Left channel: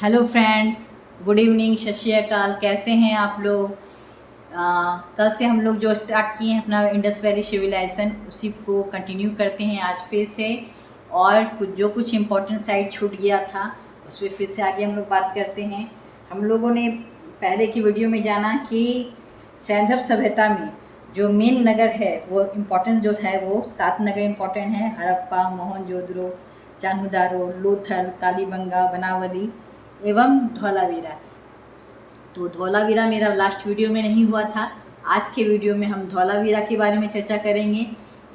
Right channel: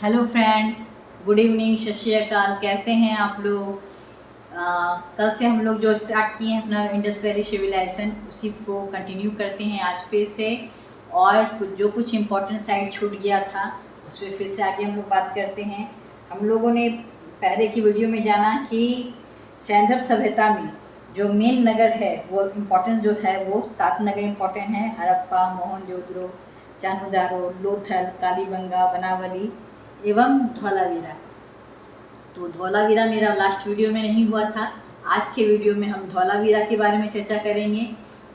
Hello friends, good evening, सत श्री अकाल। कैसे हैं आप लोग? कल से हम लोग जो स्टार्ट किए हैं अपना इंडस वैली सिविलाइजेशन, उसी को कंटिन्यू करते हैं आज फिर से। और कुछ इम्पोर्टेंट साइट छूट गया था उस पर फिर से आगे हम लोग बात करते हैं। हम लोगों ने पहले की वीडियो में जाना कि सैंधव सभ्यता में जो मेन नगर है वो इम्पोर्टेंट जो है वो 7 नगर इम्पोर्टेंट हैं: हड़प्पा, मोहनजोदड़ो, चान्होदारो, लोथल, कालीबंगा, बनावली एवं धौलावीरा। तो धौलावीरा मेरा लास्ट वीडियो में नहीं हुआ था। आज के वीडियो में हम धौलावीरा के बारे में चर्चा करेंगे।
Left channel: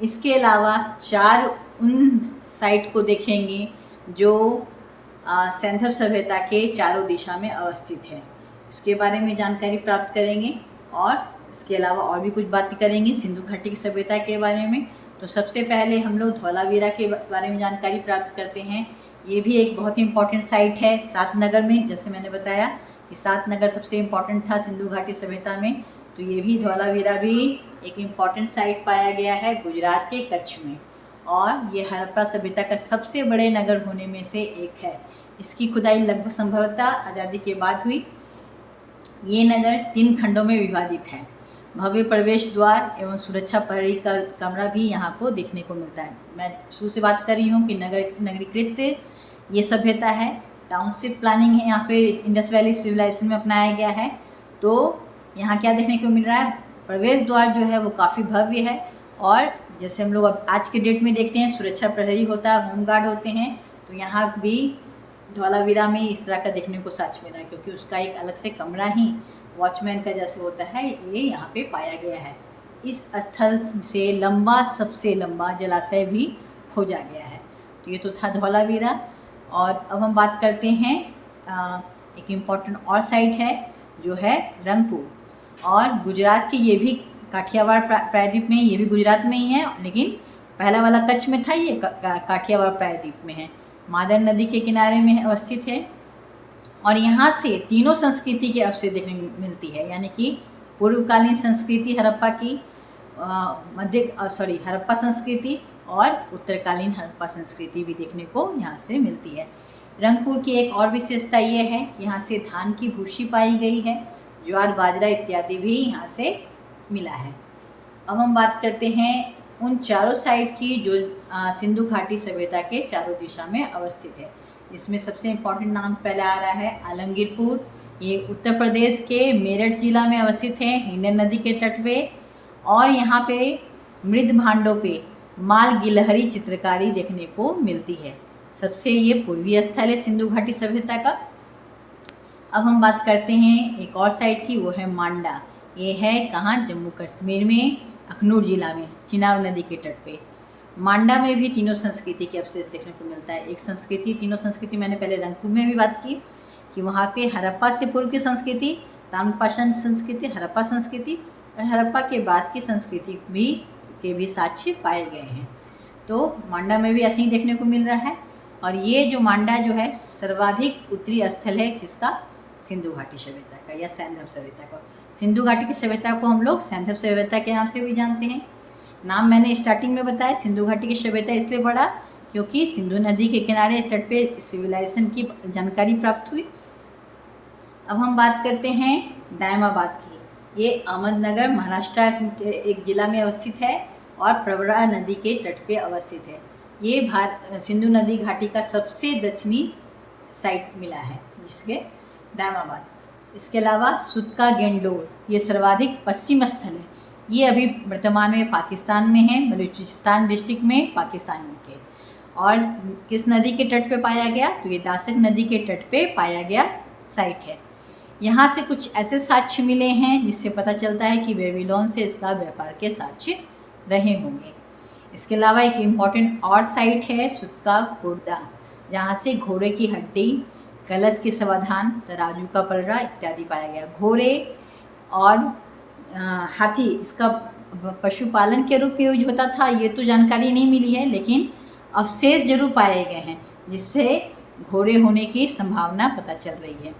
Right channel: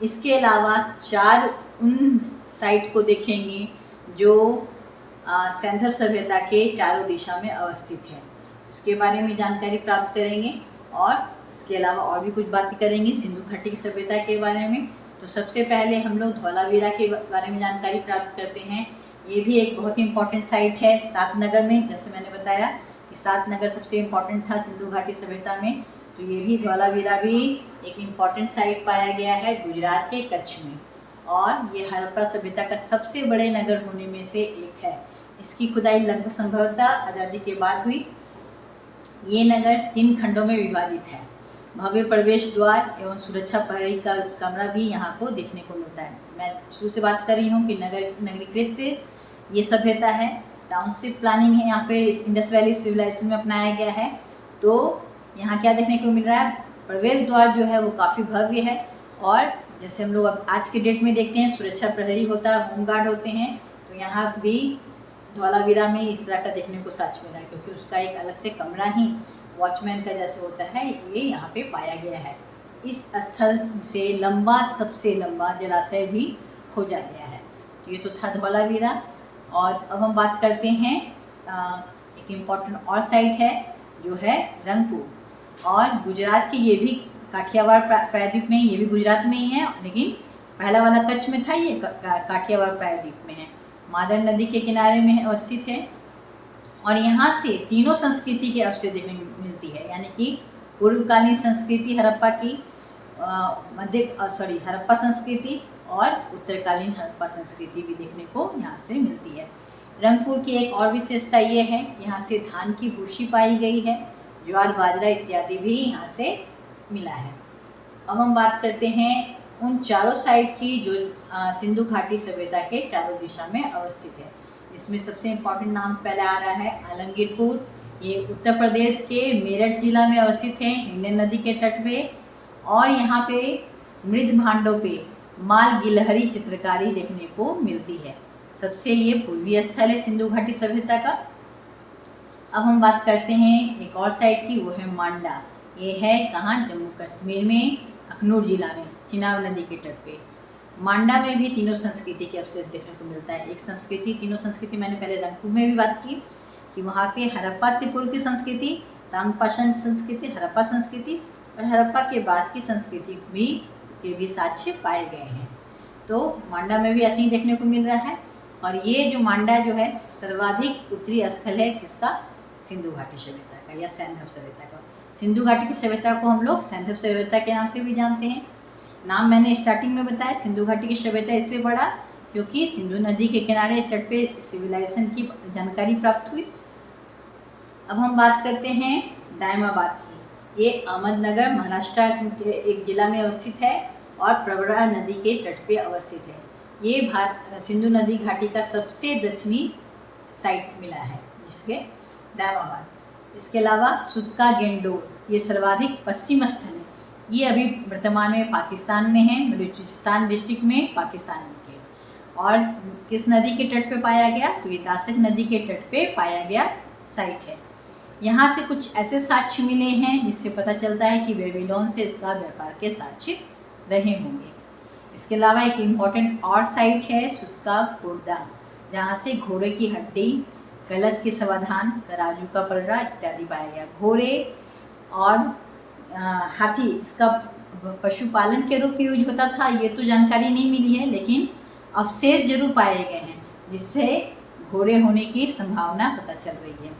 इसके अलावा 4 उन साइट को देखेंगे जो सैंधव सभ्यता के चारों दिशा में अवस्थित है। उसके बारे में जानकारी प्राप्त करेंगे और इसके अलावा और भी कुछ बातें करेंगे सिंधु घाटी की सभ्यता के बारे में। तो सबसे पहले हम लोग धौलावीरा के बारे में जानकारी प्राप्त करते हैं। ये भी एक बहुत ही इम्पोर्टेंट साइट है 7 नगर में। जैसे मैंने बताया कि 7 नगर सबसे इम्पोर्टेंट था सिंधु घाटी सभ्यता में, तो ये भी धौलावीरा भी एक इम्पोर्टेंट साइट पाया गया है गुजरात के कच्छ में। और ये हड़प्पा सभ्यता का सबसे बड़े नगर होने में से एक है। इसकी खुदाई लगभग संभवतः आज़ादी के बाद हुई। ये नगर 3 खंडों में विभाजित है। भव्य प्रवेश द्वार एवं सुरक्षा प्रहरी का कमरा भी यहाँ को देखने को मिलता है। मैं शुरू से बात कर रही हूँ कि नगरीकृत ये सभ्यता है। टाउनशिप प्लानिंग है यहाँ पे इंडस वैली सिविलाइजेशन में अपनाया गया है। तो यहाँ क्या देखने को मिल रहा है, प्रवेश द्वार जो है वो काफ़ी भव्य है। और जैसे हम लोग अब आज के डेट में देखते हैं सुरक्षा प्रहरी होता है, होमगार्ड होते हैं, तो यहाँ भी धौलावीरा में इस तरह का देखने को साक्ष्य मिला है, क्योंकि उसका एक अलग से कमरा ही वॉचमैन का जैसे होता है ये यहाँ पे पाया गया है। इस स्थल से सबसे लंबा जलाशय भी खोजा गया है। तो ये तो था धौलावीरा। और अब हम बात करते हैं एक इम्पॉर्टेंट और साइट है जो है रंगपुर। और गुजरात की ये भी काठियावाड़ प्रायद्वीप में, ये भी गुजरात में ही है, लेकिन पहला वाला कच्छ में था, ये काठियावाड़ प्रायद्वीप में है। मादर नदी के किनारे में अवस्थित है। और यहाँ से तीनों संस्कृति के अवशेष देखने को मिलती है, यानी कि पूर्वकालीन संस्कृति हड़प्पा की हड़प्पा संस्कृति और उत्तरकालीन हड़प्पा संस्कृति भी देखने को यहाँ से मिलती है। रंगपुर की एक और विशेषता ये है, यहाँ से धान की भूसी पाई गई है, ज्वार, बाजरा इत्यादि भी यहाँ से मिला है। अब हम बात करते हैं उन चारों साइट की जो सिंधु घाटी सभ्यता के चारों दिशा में अवस्थित है। इसमें सबसे इम्पोर्टेंट नाम पहले आ रहा है आलमगीरपुर। ये उत्तर प्रदेश के मेरठ जिला में अवस्थित है, हिंडन नदी के तट पे। और यहाँ पे मृद भांडों पे माल गिलहरी चित्रकारी देखने को मिलती है। सबसे ये पूर्वी स्थल है सिंधु घाटी सभ्यता का। अब हम बात करते हैं एक और साइट की, वो है मांडा। ये है कहाँ? जम्मू कश्मीर में, अखनूर जिला में, चिनाब नदी के तट पे। मांडा में भी तीनों संस्कृति के अवशेष देखने को मिलता है। तीनों संस्कृति मैंने पहले रंगपुर में भी बात की कि वहाँ पे हड़प्पा से पूर्व की संस्कृति, ताम्रपाषाण संस्कृति, हड़प्पा संस्कृति और हड़प्पा के बाद की संस्कृति के भी साक्ष्य पाए गए हैं। तो मांडा में भी ऐसे ही देखने को मिल रहा है। और ये जो मांडा जो है सर्वाधिक उत्तरी स्थल है किसका? सिंधु घाटी सभ्यता का या सैंधव सभ्यता का। सिंधु घाटी की सभ्यता को हम लोग सैंधव सभ्यता के नाम से भी जानते हैं। नाम मैंने स्टार्टिंग में बताया, सिंधु घाटी की सभ्यता इसलिए पड़ा क्योंकि सिंधु नदी के किनारे तट पे सिविलाइजेशन की जानकारी प्राप्त हुई। अब हम बात करते हैं दायमाबाद की। ये अहमदनगर महाराष्ट्र के एक जिला में अवस्थित है और प्रवरा नदी के तट पे अवस्थित है। ये सिंधु नदी घाटी का सबसे दक्षिणी साइट मिला है जिसके दायमाबाद। इसके अलावा सुतका गेंडोर ये सर्वाधिक पश्चिम स्थल है। ये अभी वर्तमान में पाकिस्तान में है, बलूचिस्तान डिस्ट्रिक्ट में पाकिस्तान में के। और किस नदी के तट पे पाया गया? तो ये दासक नदी के तट पे पाया गया साइट है। यहाँ से कुछ ऐसे साक्ष्य मिले हैं जिससे पता चलता है कि बेबीलोन से इसका व्यापार के साक्ष्य रहे होंगे। इसके अलावा एक इम्पॉर्टेंट और साइट है सुतका खुर्दा, जहाँ से घोड़े की हड्डी, कलश के समाधान, तराजू का पलड़ा इत्यादि पाया गया। घोड़े और हाथी इसका पशुपालन के रूप में यूज होता था, ये तो जानकारी नहीं मिली है, लेकिन अवशेष जरूर पाए गए हैं जिससे घोड़े होने की संभावना पता चल रही है।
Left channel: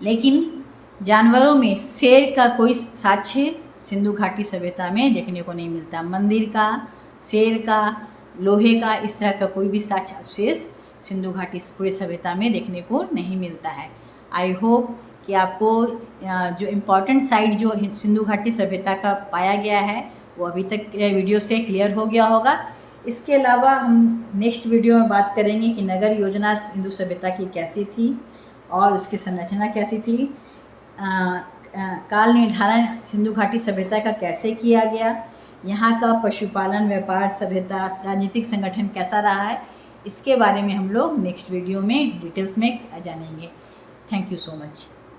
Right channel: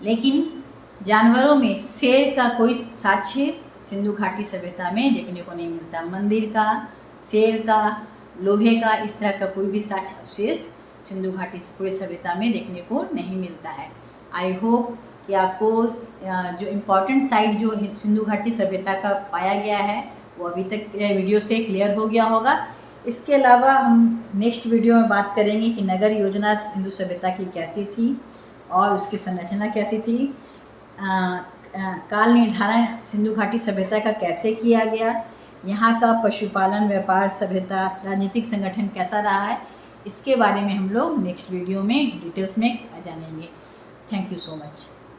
लेकिन जानवरों में शेर का कोई साक्ष्य सिंधु घाटी सभ्यता में देखने को नहीं मिलता। मंदिर का, शेर का, लोहे का इस तरह का कोई भी साक्ष्य अवशेष सिंधु घाटी पूरी सभ्यता में देखने को नहीं मिलता है। आई होप कि आपको जो इम्पोर्टेंट साइट जो सिंधु घाटी सभ्यता का पाया गया है वो अभी तक वीडियो से क्लियर हो गया होगा। इसके अलावा हम नेक्स्ट वीडियो में बात करेंगे कि नगर योजना सिंधु सभ्यता की कैसी थी और उसकी संरचना कैसी थी, काल निर्धारण सिंधु घाटी सभ्यता का कैसे किया गया, यहाँ का पशुपालन, व्यापार, सभ्यता, राजनीतिक संगठन कैसा रहा है, इसके बारे में हम लोग नेक्स्ट वीडियो में डिटेल्स में जानेंगे। Thank you so much.